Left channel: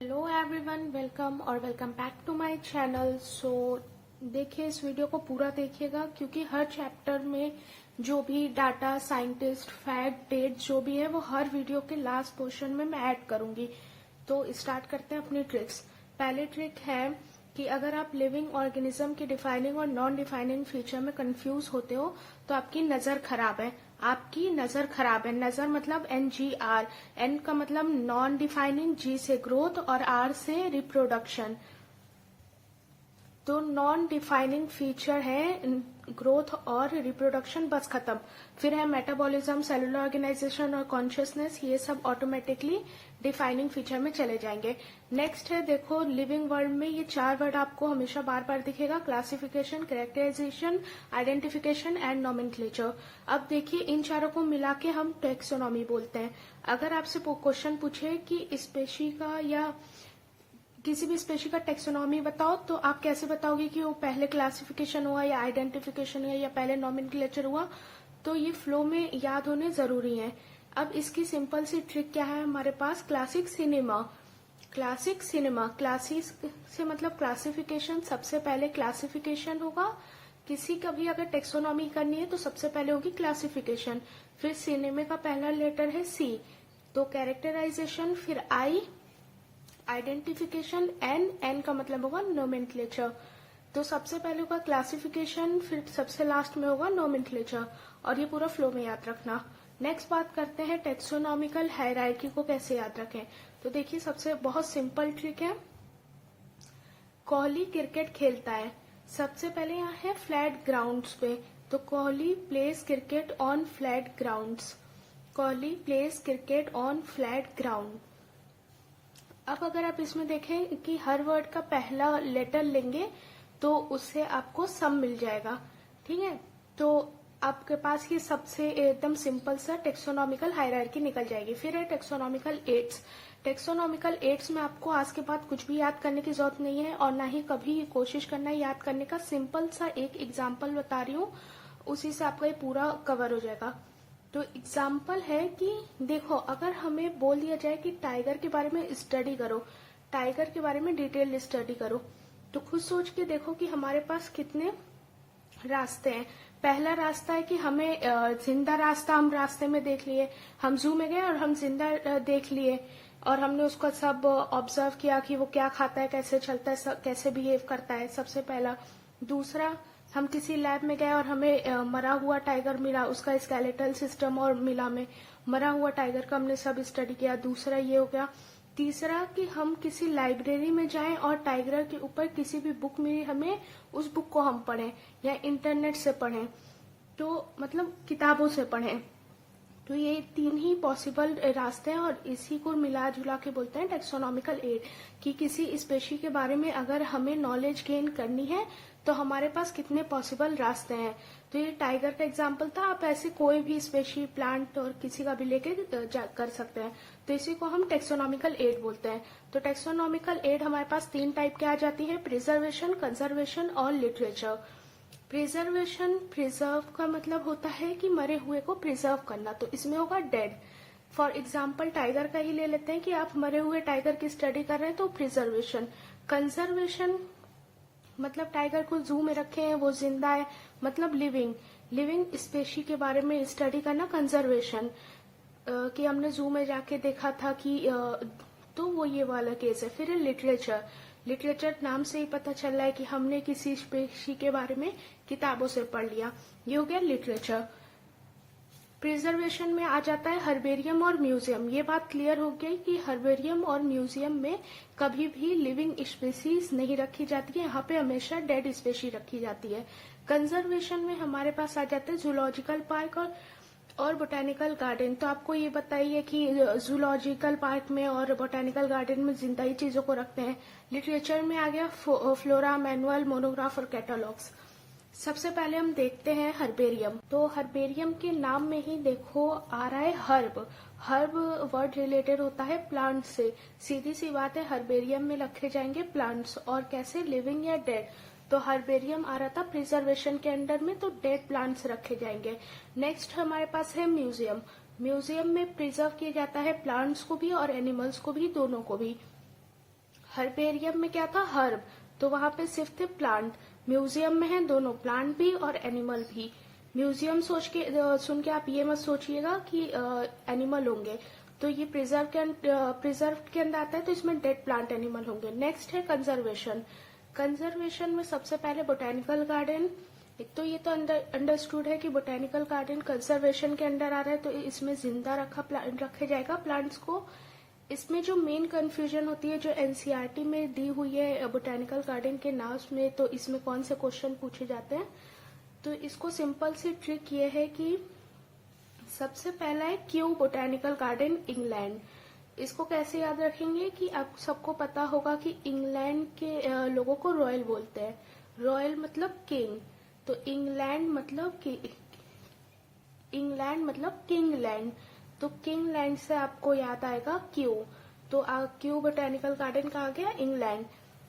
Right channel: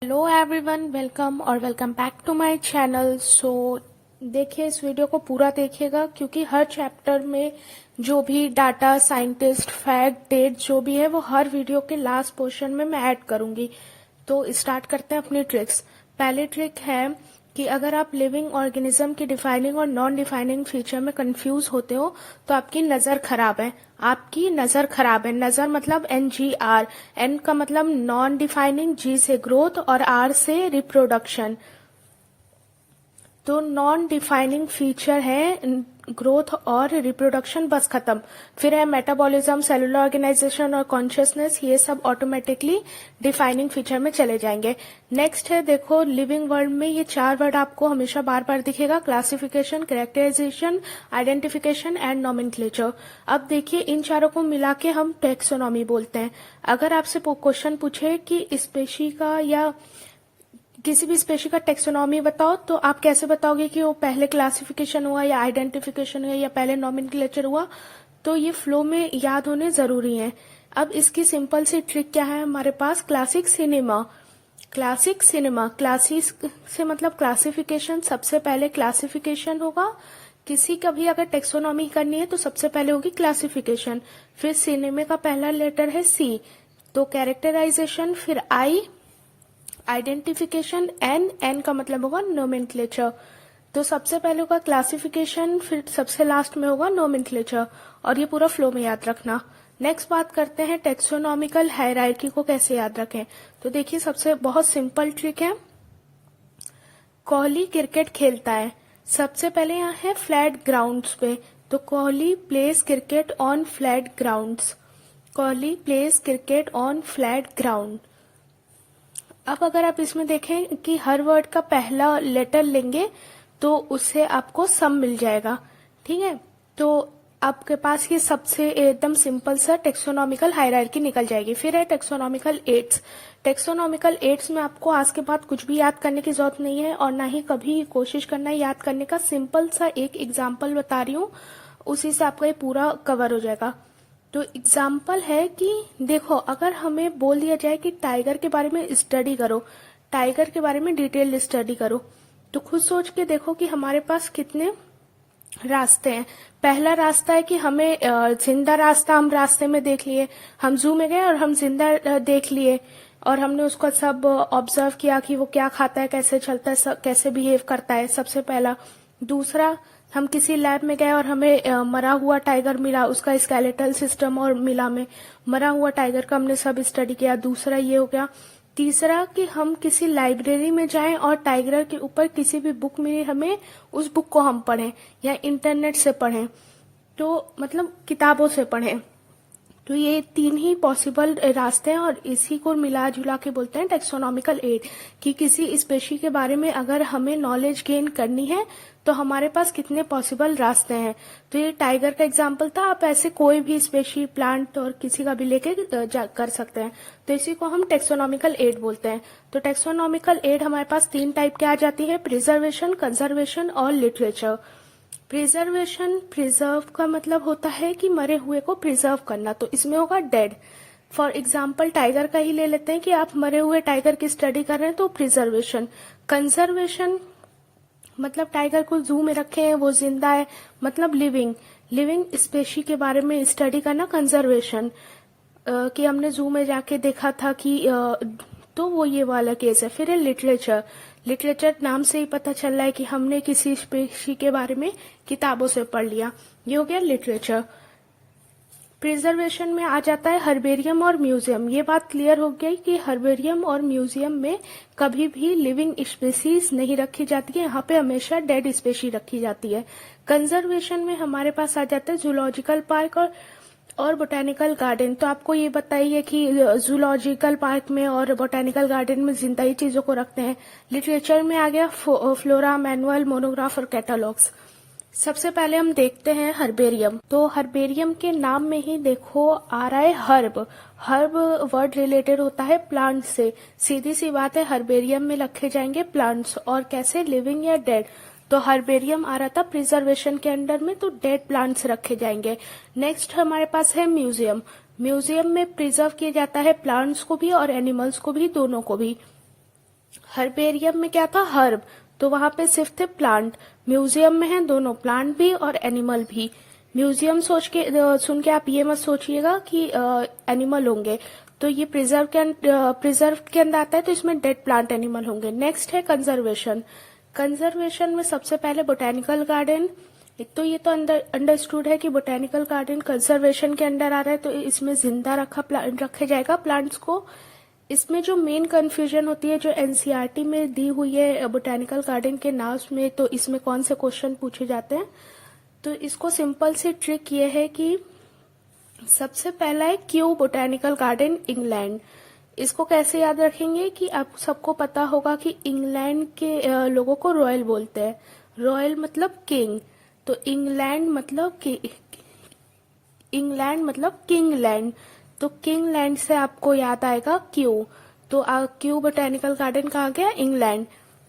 Hello everyone, welcome और welcome back to my channel. देखिए, इस वीडियो को पूरा देखिएगा क्योंकि हर चैप्टर में जो भी डाटा, साइंटिस्ट, फैक्ट, डेट जो भी है वो हर वीडियो के लास्ट पोर्शन में मैं ऐड करूंगी। तो स्टार्ट करते हैं अपनी ट्रिक्स। पहली ट्रिक है कि अगर आप लिविंग ऑर्गेनिज्म की डिफाइनिंग और नॉन डिफाइनिंग फीचर में कंफ्यूज होते हो तो आपकी नजर खराब है। आपकी नजर खराब है। नजर मतलब NGR। N का मतलब नॉन डिफाइनिंग, G से ग्रोथ और R से रिप्रोडक्शन। तो नॉन डिफाइनिंग फीचर है ग्रोथ और रिप्रोडक्शन, बस खत्म। फिर है मेटाबॉलिज्म, सेलुलर ऑर्गेनाइजेशन और कॉन्शियसनेस, ये सब ऑटोमेटिकली डिफाइनिंग फीचर में चले जाएंगे। नेक्स्ट है, देखो लिविंग वर्ल्ड में ये 4 वर्ड आपको हमेशा बार बार दिखेगा: classification, characterization, identification and nomenclature. अब देखिए, इन चारों को मिला के हम टेक्सोनॉमी बोलते हैं। अगर आपसे क्वेश्चन पूछे कि स्पेशी का या किसी भी स्पेशी का टेक्सोनॉमी बताओ, तो आप कैसे बताओगे कि वो पहले क्लासिफिकेशन हुआ या आइडेंटिफिकेशन हुआ या पहले नॉमेनक्लेचर हुआ? तो ये फ्लो में याद होने जरूरी है। अब इसकी सिंपल सी ट्रिक क्या है हमारे पास? Classic cinema. Classic cinema, classic से मतलब क्लासिफिकेशन, सबसे पहले क्लासिफिकेशन होगा। किसी का भी अगर टेक्सोनॉमी करनी है तो सबसे पहले होगी क्लासिफिकेशन। फिर सिनेमा का पहला लेटर है C, तो कैरेक्टराइजेशन, फिर I, आइडेंटिफिकेशन, एन का मतलब होगा नोमेनक्लेचर। तो सबसे पहले होगा क्लासिफिकेशन, फिर सबसे लास्ट में होगा नोमेनक्लेचर, और ये पूरा फ्लो में याद रखना। नेक्स्ट बात करते हैं टेक्सोनॉमिकल हायरार्की को कैसे याद रखें। तो देखिए, सबसे बहुत सिंपल ट्रिक है। कोहली क्रिकेट खेलता है, सबसे पहले यहाँ है फ्लैट ग्राउंड्स पे, तो Kohli place cricket on flat grounds. Kohli place cricket on flat ground. अब अगर आप इसमें देखें कि हर वर्ड का पहला लेटर लेंगे तो उससे आपको सम मिल जाएगा। ठीक है, तो आपके पास ये सबसे एकदम सिंपल सा टेक्सोनॉमिकल हायरार्की निकल जाएगी। फिर है टेक्सोनॉमिकल एड्स। टेक्सोनॉमिकल एड्स में आपको आज के बाद कुछ भी याद करने की जरूरत नहीं है और ना ही कभी कोशिश करना है याद करने का। सिंपल सा एक एग्जाम्पल बता रही हूँ, उसी से आपका ये पूरा कवर हो जाएगा। तो एग्जाम्पल है कि देखो, अगर हमें बोल दिया जाए कि टाइगर के बारे में स्टडी करो, टाइगर के बारे में डिटेल स्टडी करो, तो खुद सोच के देखो कि हमारे पास कितने रास्ते हैं। पहला रास्ता है कि हमें जिंदा रास्ता हम रास्ते में देख लिए, हम जू में गए और हम जिंदा देख लिए और हमने उसका सब ऑब्जर्व किया कि वो क्या खाता है, कैसे चलता है, कैसे बिहेव करता है, सबसे पहला। दूसरा, हम किसी लैब में गए और हमें मरा हुआ टाइगर मिला, उसका स्केलेटल सिस्टम और मिला, हमें मरा हुआ टाइगर का हमने सब स्टडी किया, दूसरा ये हो गया। तीसरा कि हम किसी लाइब्रेरी में जाएं और टाइगर के ऊपर किसी भी बुक मिली हमें, उस बुक को हम पढ़ें या इंटरनेट से पढ़ें, तो मतलब किताबों से पढ़ें। तो ये 3 ही पॉसिबल रास्ते हैं और इसी को मिला जुला के बोलते हैं टेक्सोनॉमिकल एड, कि किसी स्पेशी के बारे में अगर हमें नॉलेज गेन करनी है तो हमारे पास कितने पॉसिबल रास्ते हैं। तो ये टाइगर का एग्जाम्पल था, आप ऐसे कोई भी स्पेशी, प्लांट और किसी का भी लेके कर सकते हैं। तो इसी को हम टेक्सोनॉमिकल एड बोलते हैं। तो टेक्सोनॉमिकल एड हमारे पास 3 टाइप के आ जाती है: प्रिजर्वेशन, कंजर्वेशन और लिटरेचर। प्रिजर्वेशन, प्रिजर्व का मतलब होता है कि मरे हुए को प्रिजर्व करना, तो इसमें होगा डेड। फॉर एग्जाम्पल टाइगर का ही ले लेते हैं कि आप मरे हुए टाइगर की स्टडी कर रहे हैं, तो प्रिजर्वेशन। कंजर्वेशन मतलब टाइगर को जू में रखे हैं, वो जिंदा है, मतलब लिविंग, लिविंग स्पेशी के बारे में स्टडी करना कंजर्वेशन। कि हमने जू में जाके देखा था कि तो वो ये वाला केस है। फिर है लिटरेचर। लिटरेचर नाम से ही पता चल रहा है कि हमने किसी स्पेशी के बारे में किताबों से पढ़ लिया, ये हो गया लिटरेचर। प्रिजर्वेशन में आ जाता है हर्बेरियम और म्यूजियम। ये बात क्लियर हो गई कि हर्बेरियम और म्यूजियम में कभी भी लिविंग स्पेसीज नहीं रखी जाती है, यहाँ पे हमेशा डेड स्पेशी रखी जाती है। कंजर्वेशन में हमारे पास आ जाता है जूलॉजिकल पार्क और बोटेनिकल गार्डन। तो आपको ये बताइए कि जूलॉजिकल पार्क में और बोटेनिकल गार्डन में जिंदा ही चीजों को रखते हैं। लिटरेचर में आ गया फ्लोरा, मैनुअल, मोनोग्राफ और कैटलॉग्स। सबसे पहले हम देखते हैं हर्बेरियम। तो हर्बेरियम के नाम में ही देखो आ रहा है हर्ब। हर्ब वर्ड रिलेटेड होता है प्लांट से, सीधी सी बात है, हर्बेरियम में रखे जाएंगे प्लांट्स। और कैसे, लिविंग या डेड। तो हर्बेरियम आ रहा था प्रिजर्वेशन के अंडर में, तो डेड प्लांट्स रखे जाएंगे। नेक्स्ट हमारे पास है म्यूजियम। म्यूजियम में प्रिजर्व किया जाता है प्लांट्स को भी और एनिमल्स को भी, दोनों को भी। हर्बेरियम में क्या था, हर्ब, तो वहां पे सिर्फ थे प्लांट। म्यूजियम में है दोनों, प्लांट भी और एनिमल भी। म्यूजियम सोच के सुन के आप ये मत सोचिएगा कि एनिमल होंगे, तो ये प्रिजर्व के अंदर आता है, तो इसमें डेड प्लांट एनिमल होंगे। नेक्स्ट है कंजर्वेशन। कंजर्वेशन में सबसे पहले बोटेनिकल गार्डन। एक तो ये तो अंडरस्टूड है कि बोटेनिकल गार्डन कंजर्वेशन के अंडर आ रहा है, तो इसमें जिंदा रखे जाएगा प्लांट्स को। इसमें जो मेन कंफ्यूजन होती है, जो एनसीईआरटी में दी हुई है बोटेनिकल गार्डन के नाम में, तो इसमें कौन से क्वेश्चन पूछे जाते हैं, तो इसको सिंपल सी ट्रिक ये है कि सबसे पहला है क्यू बोटेनिकल गार्डन इंग्लैंड। इसको कैसे याद रखेंगे कि आप सबको पता होगा कि इंग्लैंड के लोगों को रॉयल बोलते हैं। रॉयल मतलब किंग, तो इंग्लैंड मतलब किंगलैंड, तो किंगलैंड से आपको याद आएगा क्यू। तो क्यू बोटेनिकल गार्डन कहा गया इंग्लैंड।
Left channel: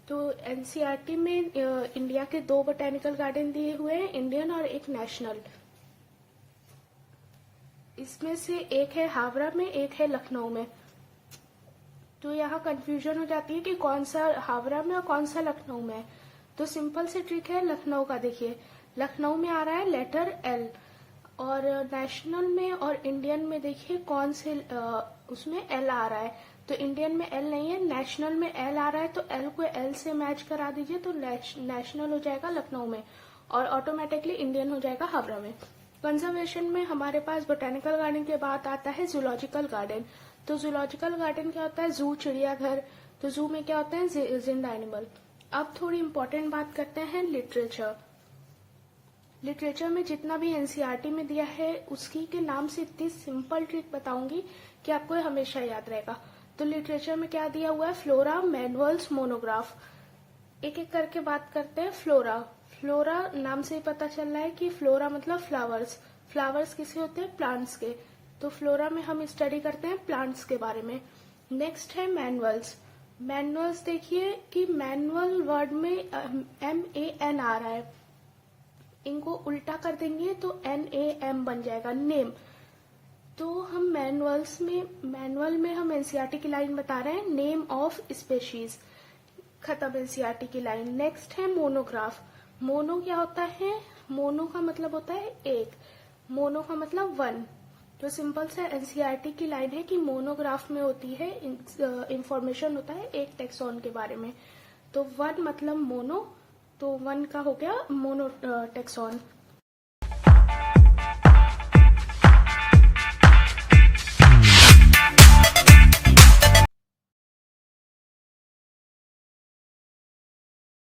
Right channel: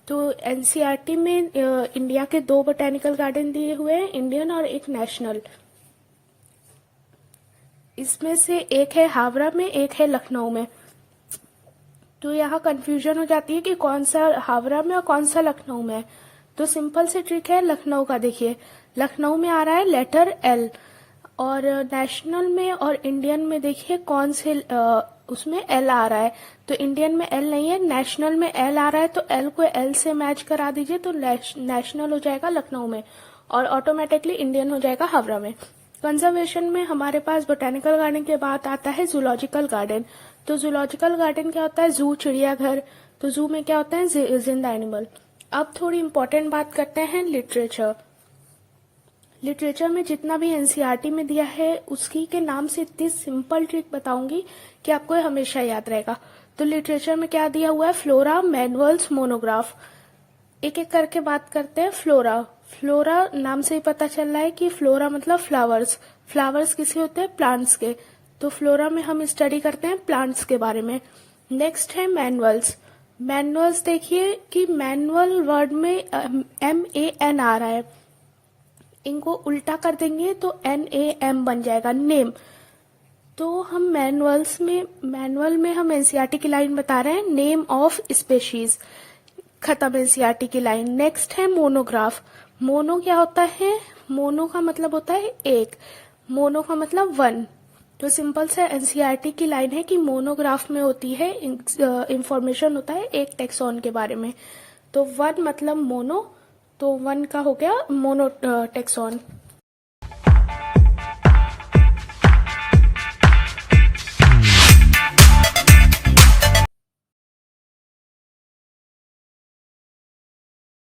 तो एनसीईआरटी में इंडिया के 2 बोटेनिकल गार्डन दिए हुए हैं, इंडियन और एक नेशनल। इसमें से एक है हावड़ा में, एक है लखनऊ में। तो यहाँ कंफ्यूजन हो जाती है कि कौन सा हावड़ा में और कौन सा लखनऊ में है। तो सिंपल सी ट्रिक है लखनऊ का। देखिए लखनऊ में आ रहा है लेटर एल, और नेशनल में और इंडियन में देखिए कौन से उसमें एल आ रहा है। तो इंडियन में एल नहीं है, नेशनल में एल आ रहा है, तो एल को एल से मैच करा दीजिए, तो नेशनल हो जाएगा लखनऊ में, और ऑटोमेटिकली इंडियन हो जाएगा हावड़ा में। कंजर्वेशन में हमारे पास बोटेनिकल गार्डन के बाद आता है जूलॉजिकल गार्डन। तो जूलॉजिकल गार्डन क्या होता है, जू चिड़ियाघर। तो जू में क्या होता है, जिंदा एनिमल। अब थोड़ी इंपॉर्टेंट बात करते हैं लिटरेचर। लिटरेचर में जितना भी एनसीईआरटी में दिया है उसकी के नाम से इतनी सिंपल ट्रिक बताऊंगी कि आपको हमेशा याद रहेगा। तो लिटरेचर में क्या दिया हुआ है, फ्लोरा, मैनुअल्स, मोनोग्राफ। एक एक करके बात करते हैं। फ्लोरा, फ्लोरा नाम से ही पता चल रहा है कि फ्लोरा मतलब फ्लावर्स। फ्लावर्स किसे होते हैं, प्लांट्स के। तो फ्लोरा में हम स्टडी करते हैं प्लांट्स के बारे में। नेक्स्ट है मैनुअल्स। मैनुअल्स देखिए कि मैनुअल वर्ड में MAN आ रहा है, इनको उल्टा कर देंगे तो NAM बन जाएगा, नेम। तो हम मैनुअल में हम एनसीईआरटी की लाइन बता रहे हैं, नेम ऑफ स्पेशीज, खत्म एनसीईआरटी की लाइन। नेक्स्ट है मोनोग्राफ। मोनो क्या होता है, मोनो का मतलब होता है एक, मोनो का मतलब 1। तो सिंपल से एनसीईआरटी की लाइन है कि मोनोग्राफ में होती है इंफॉर्मेशन होता है एक टेक्सॉन के बारे में। तो 1 मतलब मोनो, तो 1 का हो गया मोनो टेक्सॉन।